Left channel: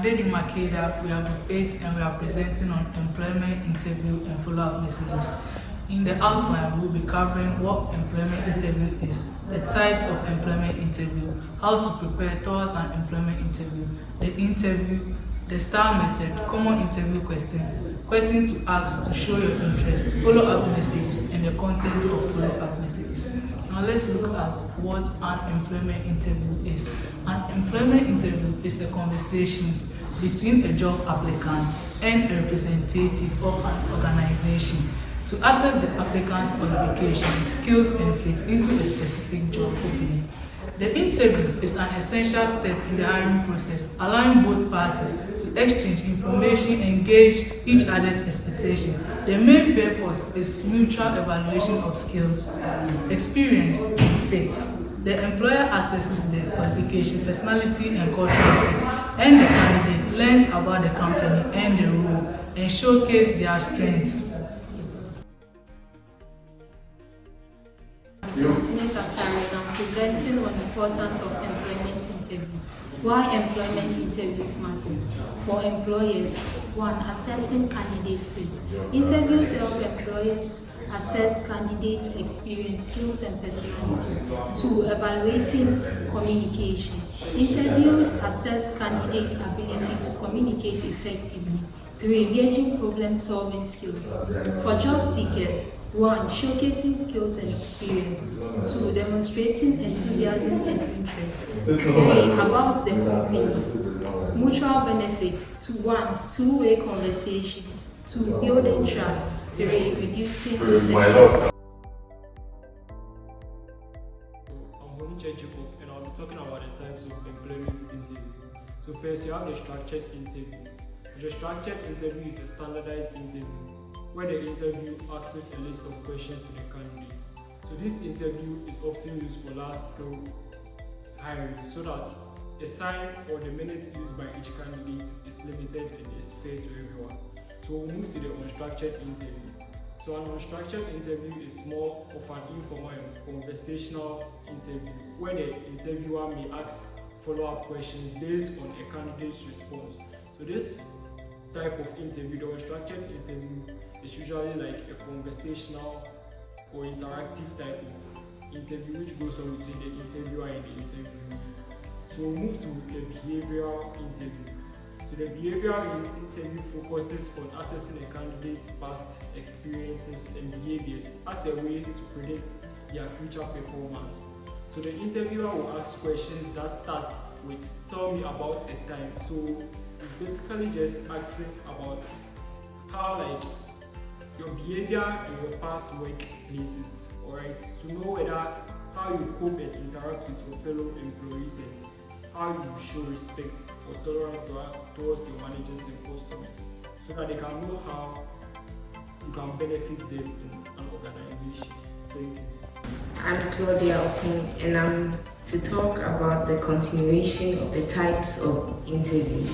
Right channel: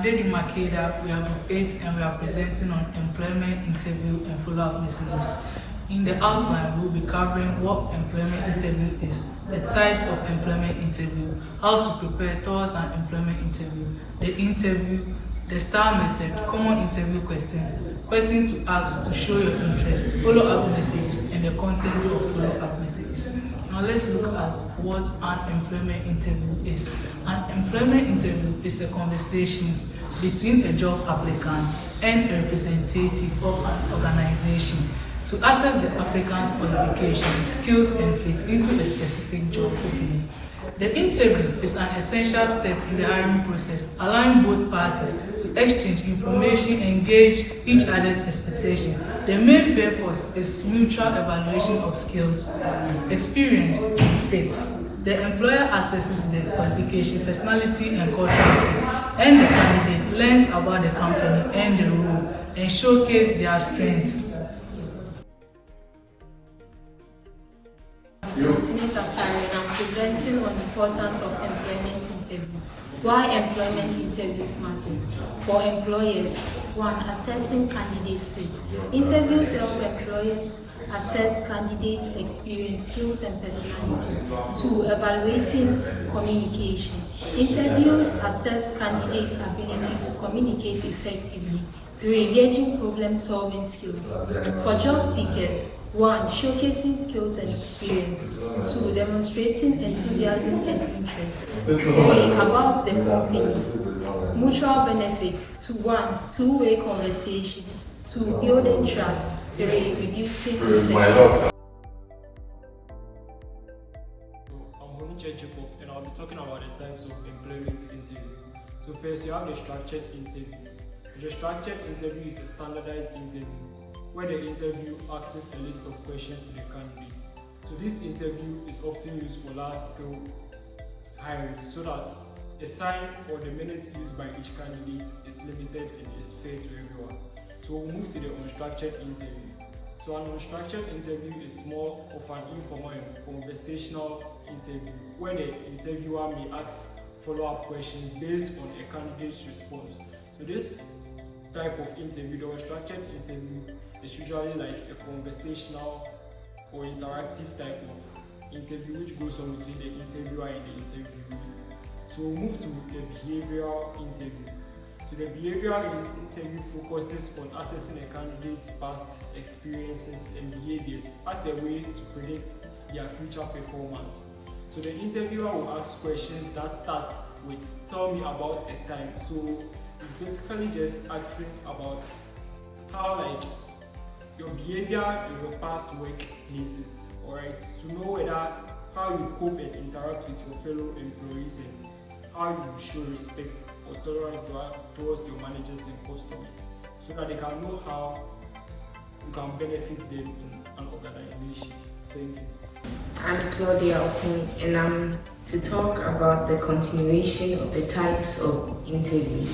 I'm Daddy Makeda. We are Group 8 and we are presenting on employment interview and follow-up messages. In the outline, we'll be covering what employment interview is, the types of employment interview, how to prepare towards an employment interview, the interview, the STAR method, common interview question to ask to show your interest, follow-up messages, and the content of follow-up messages. Now let's look at what an employment interview is. An employment interview is a conversation between a job applicant and a representative of an organization to assess the applicant's qualifications, skills, and fit into a specific job opening. The interview is an essential step in the hiring process, allowing both parties to exchange information and gauge each other's expectations. The main purpose is mutual evaluation of skills, experience, and fit. The employer assesses their qualification, personality, and cultural fit, and the candidate learns about the company and the role and showcase their strengths. Smith Asari, and I'm presenting on the importance of employment interviews. Why employment interviews matters. For employers, 1. Assessing candidate fit. Interviews help employers assess candidates' experience, skills, and personality. 2. Evaluating communication. Interviews assess candidates' ability to communicate effectively. 3. Gauging problem-solving skills. For job seekers, 1. Showcasing skills and experience. 2. Demonstrating enthusiasm and interest. 3. About the company. Mutual benefits. 1. Two-way conversation. 2. Building trust. 3. Reducing processes. I'm Boniche Jacob, and I'll be talking about the types of employment interview. So first, you have the structured interview. The structured interview is a standardized interview where the interview asks a list of questions to the candidate. So this interview is often used for large-scale hiring so that the time or the minutes used by each candidate is limited and is fair to everyone. So we'll move to the unstructured interview. So an unstructured interview is more of an informal conversational interview where the interviewer may ask follow-up questions based on a candidate's response. So this type of interview, the unstructured interview, is usually like a conversational or interactive type of interview which goes on between the interviewer and the interviewee. So we'll move to the behavioral interview. So the behavioral interview focuses on assessing a candidate's past experiences and behaviors as a way to predict their future performance. So the interviewer will ask questions that start with "tell me about a time." So it's basically just asking about how your behavior in your past workplaces, alright, to know how you cope and interact with your fellow employees and how you show respect or tolerance towards your managers and customers, so that they can know how you can benefit them in an organization. Thank you. I'm Claudia Okun, and I'm to talk about the continuation of the types of interview.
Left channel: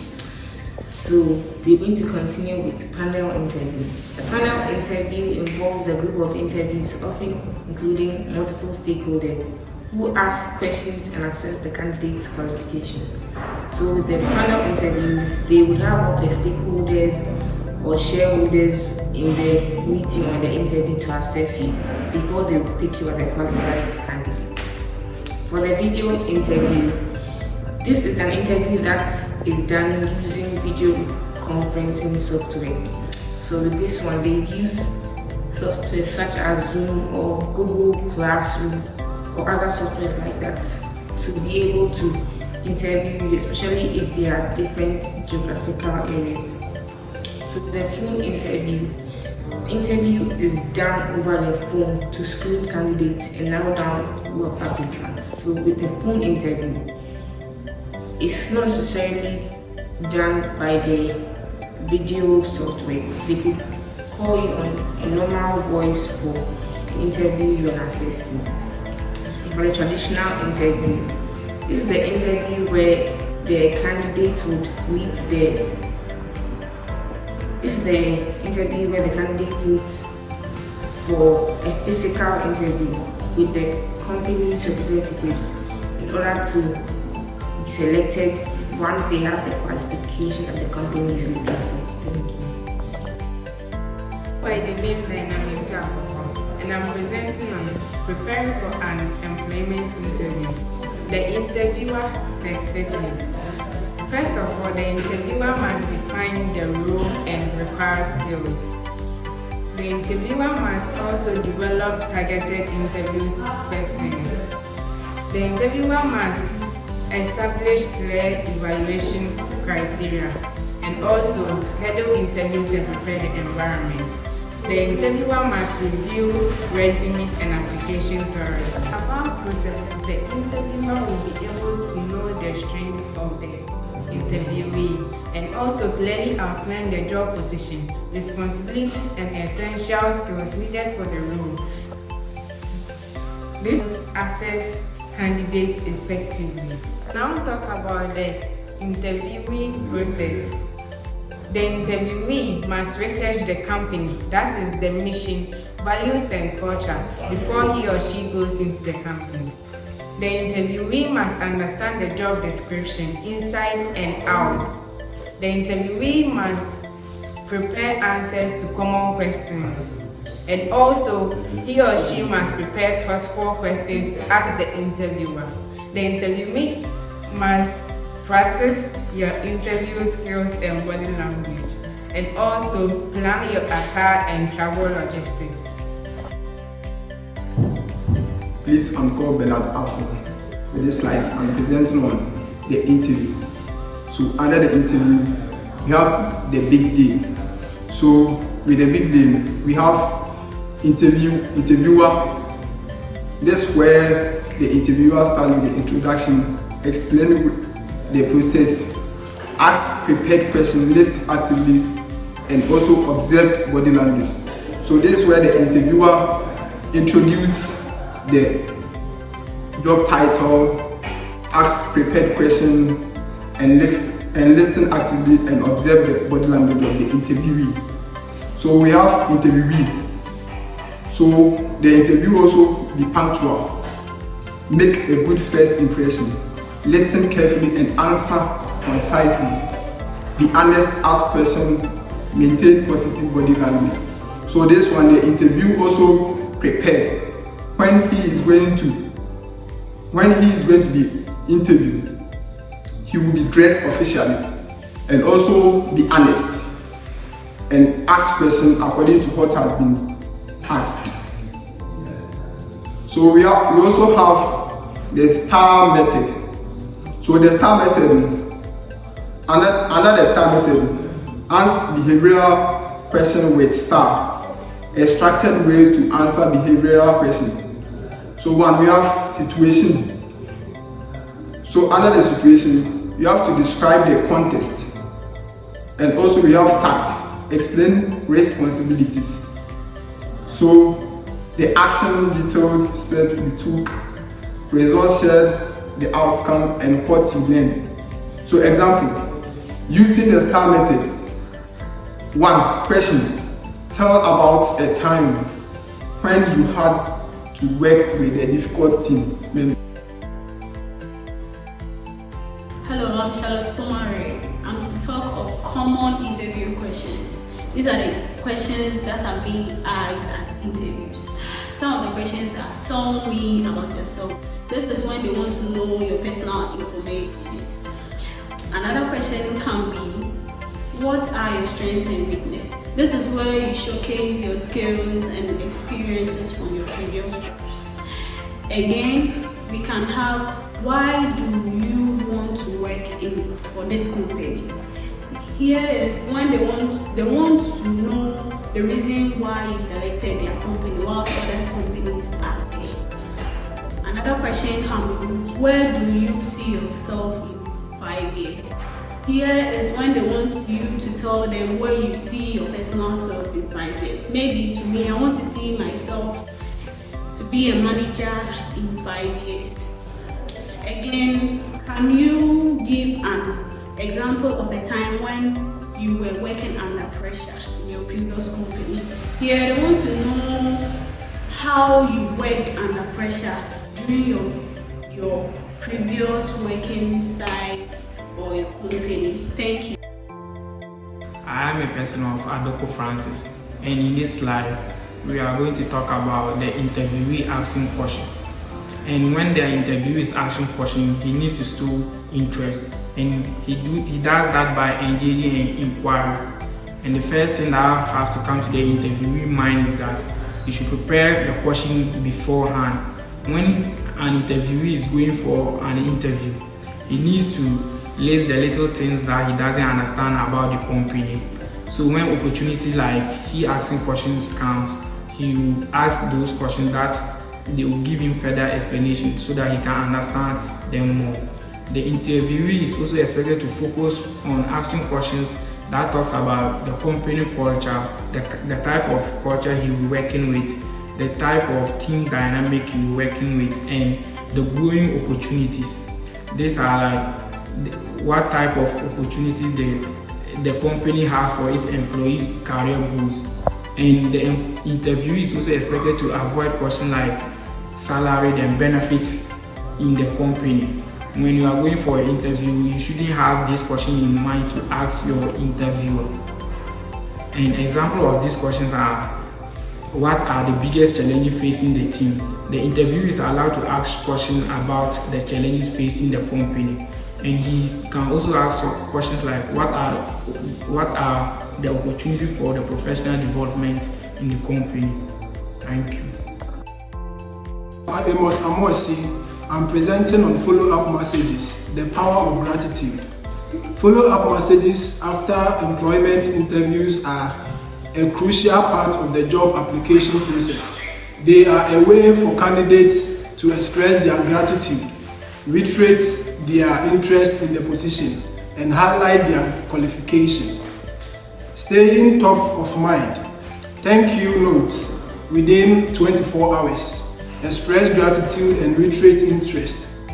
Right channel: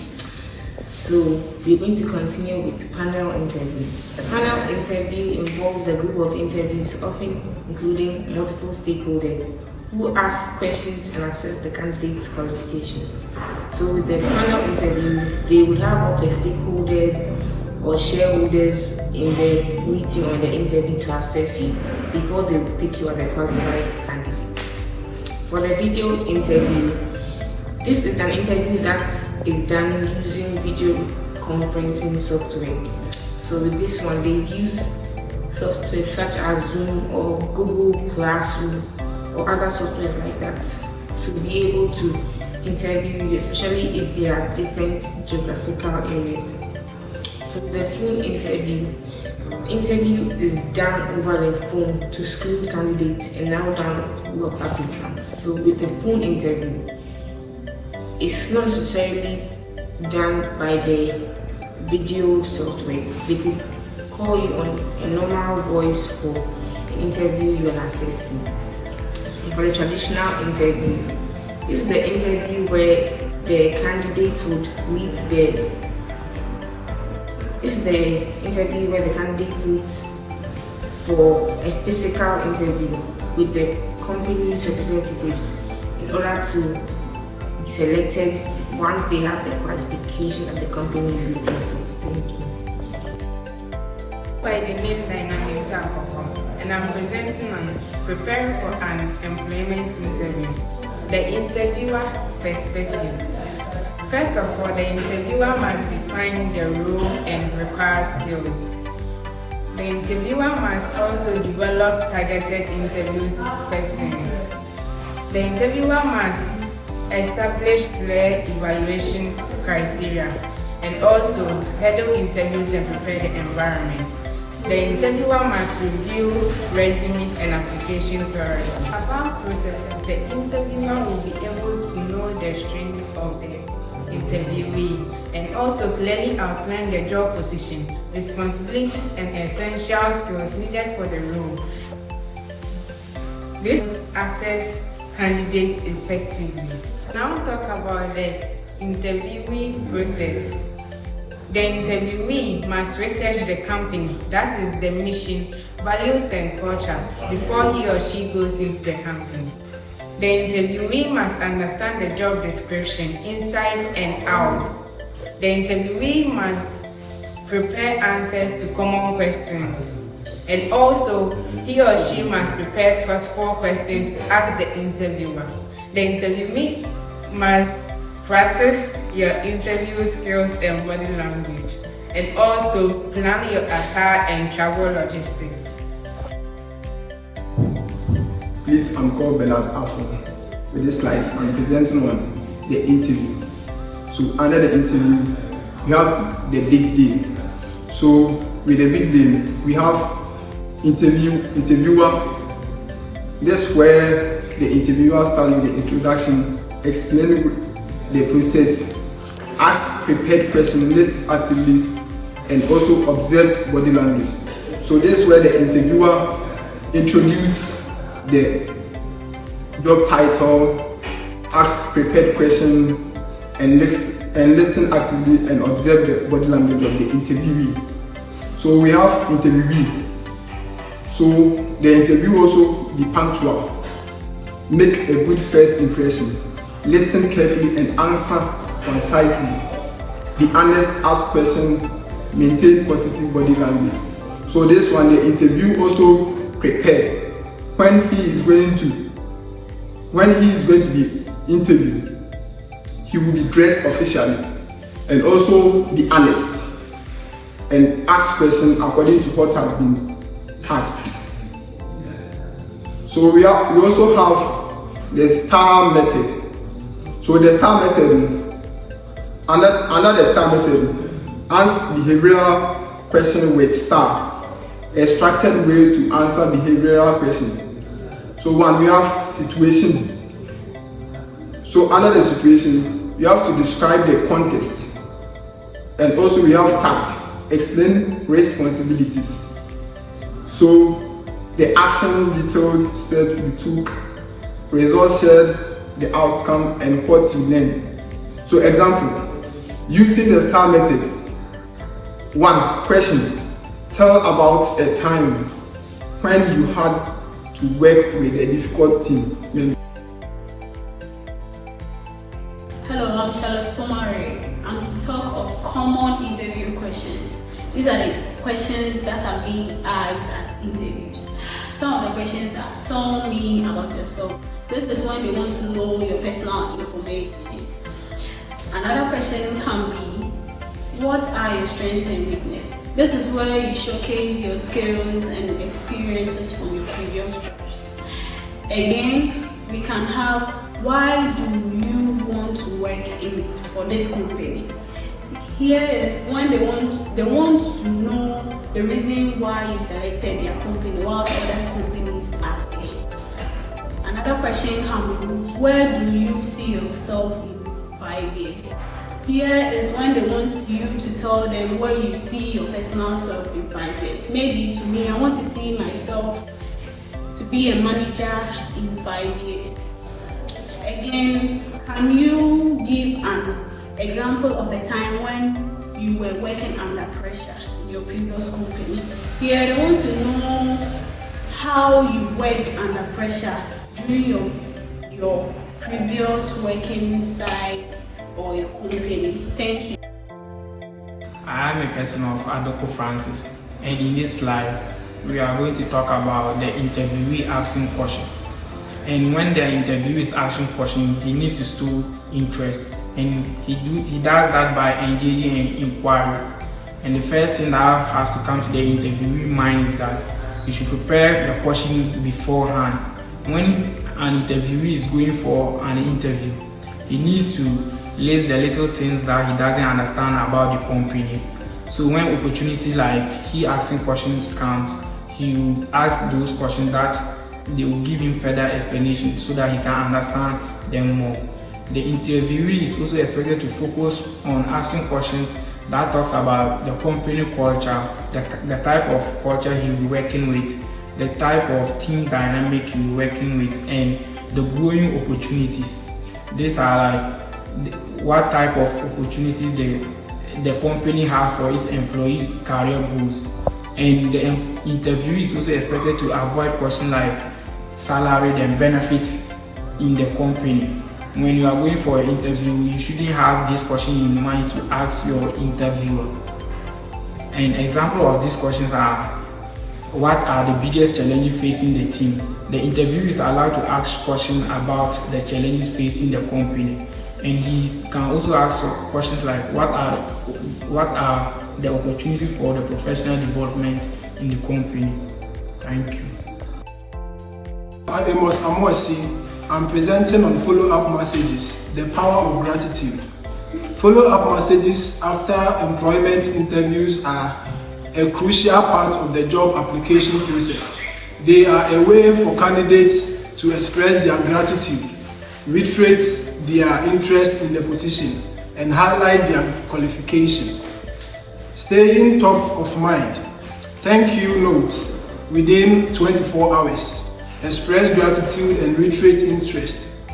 So we're going to continue with panel interview. The panel interview involves a group of interviews, often including multiple stakeholders, who ask questions and assess the candidate's qualification. So with the panel interview, they would have all the stakeholders or shareholders in the meeting or the interview to assess you before they pick you as a qualified candidate. For the video interview, this is an interview that is done using video conferencing software. So with this one, they use software such as Zoom or Google Classroom or other software like that to be able to interview you, especially if they are different geographical areas. So the phone interview is done over the phone to screen candidates and narrow down the pool of applicants. So with the phone interview, it's not necessarily done by the video software. They could call you on a normal voice call, interview you and assess you. For the traditional interview, this is the interview where the candidates would meet for a physical interview with the company's representatives in order to be selected once they have the qualification that the company is looking for. Thank you. By the name Dynamic and I'm presenting on preparing for an employment interview. The interviewer perspective. First of all, the interviewer must define the role and required skills. The interviewer must also develop targeted interview questions. The interviewer must establish clear evaluation criteria and also schedule interviews and prepare the environment. The interviewer must review resumes and application thoroughly. About processes, the interviewer will be able to know the strength of the interviewee and also clearly outline the job position, responsibilities, and essential skills needed for the role. This assess candidates effectively. Now talk about the interviewee process. The interviewee must research the company, that is the mission, values and culture, before he or she goes into the company. The interviewee must understand the job description inside and out. The interviewee must prepare answers to common questions. And also, he or she must prepare thoughtful questions to ask the interviewer. The interviewee must practice your interview skills and body language, and also plan your attire and travel logistics. Please, I'm called Bernard Alpha. With this slides, I'm presenting on the interview. So under the interview, we have the big deal. So with the big deal, we have interviewer. That's where the interviewer starts with the introduction, explaining the process, ask prepared questions, listen actively, and also observe body language. So this is where the interviewer introduces the job title, ask prepared questions, and listen actively and observe the body language of the interviewee. So we have interviewee. So the interview also be punctual, make a good first impression, listen carefully and answer concisely, be honest, ask questions, maintain positive body language. So this one, the interview also prepared. When he is going to be interviewed, he will be dressed officially and also be honest and ask questions according to what has been asked. So we also have the STAR method. So the STAR method, under the STAR method, answer behavioral question with STAR, a structured way to answer behavioral question. So one, we have situation. So under the situation, you have to describe the context, and also we have task, explain responsibilities. So the action detailed step you took, results shared, the outcome, and what you learned. So example, using the STAR method. 1. Question. Tell about a time when you had to work with a difficult team. Hello, I'm Charlotte Pomare. I'm to talk of common interview questions. These are the questions that are being asked at interviews. Some of the questions are, tell me about yourself. This is when they want to know your personal information. Another question can be, what are your strengths and weaknesses? This is where you showcase your skills and experiences from your previous jobs. Again, we can have, why do you want to work for this company? Here is when they want to know the reason why you selected their company whilst other companies are there. Another question can be, where do you see yourself in 5 years? Here is when they want you to tell them where you see your personal self in 5 years. Maybe to me, I want to see myself to be a manager in 5 years. Again, can you give an example of a time when you were working under pressure in your previous company? Here, they want to know how you worked under pressure during your previous working site or your company. Thank you. I am a person of Adoko Francis, and in this slide, we are going to talk about the interviewee asking question. And when the interviewer is asking question, he needs to show interest, and he does that by engaging in inquiry. And the first thing that has to come to the interviewee mind is that you should prepare the question beforehand. When an interviewee is going for an interview, he needs to list the little things that he doesn't understand about the company. So when opportunity like he asking questions comes, he will ask those questions that they will give him further explanation so that he can understand them more. The interviewee is also expected to focus on asking questions that talks about the company culture, the type of culture he will be working with, the type of team dynamic he will be working with, and the growing opportunities. These are like what type of opportunity the company has for its employees' career goals. And the interviewee is also expected to avoid questions like salary and benefits in the company. When you are going for an interview, you shouldn't have this question in mind to ask your interviewer. An example of these questions are: what are the biggest challenges facing the team? The interviewer is allowed to ask questions about the challenges facing the company. And he can also ask questions like what are the opportunities for the professional development in the company. Thank you. I'm Amos Amosi. I'm presenting on follow-up messages, the power of gratitude. Follow-up messages after employment interviews are a crucial part of the job application process. They are a way for candidates to express their gratitude, reiterate their interest in the position, and highlight their qualification. Staying top of mind. Thank you notes within 24 hours. Express gratitude and reiterate interest.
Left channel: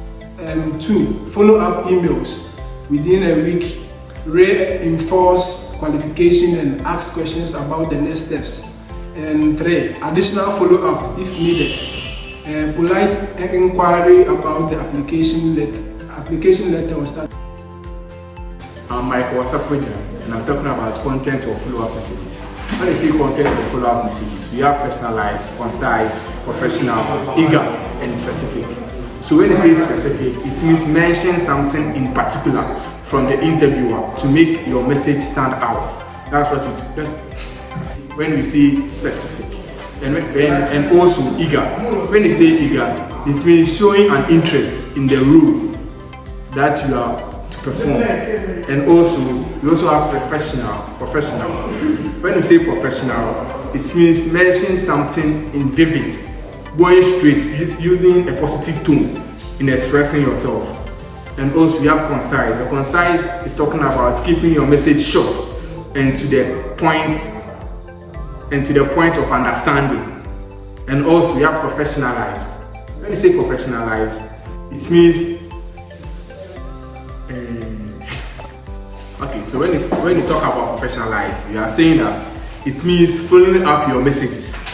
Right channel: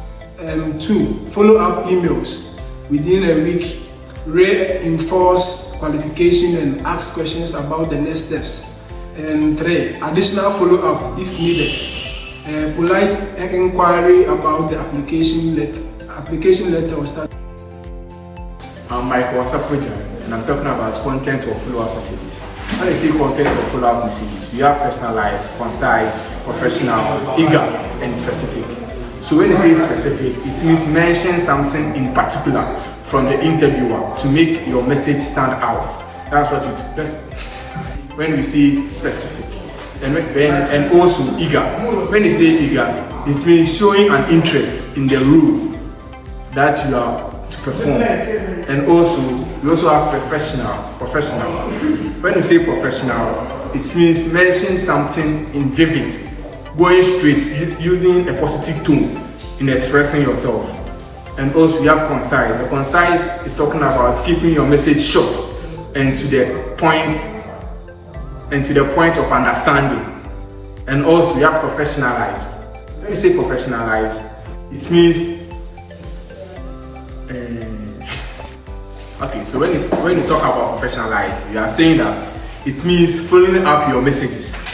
2. Follow-up emails within a week. Reinforce qualification and ask questions about the next steps. And 3. Additional follow-up if needed. Polite inquiry about the application letter or status. I'm Michael Wasafrijan, and I'm talking about content or follow-up messages. When you see content or follow-up messages, we have personalized, concise, professional, eager, and specific. So when you say specific, it means mention something in particular from the interviewer to make your message stand out. That's what you do. When we say specific. And also eager. When you say eager, it means showing an interest in the role that you are to perform. And also, you also have professional. When you say professional, it means mentioning something in vivid, going straight, using a positive tone in expressing yourself. And also we have concise. The concise is talking about keeping your message short and to the point of understanding. And also we have professionalized. When you say professionalized, it means okay, so when you talk about professionalized, you are saying that it means following up your messages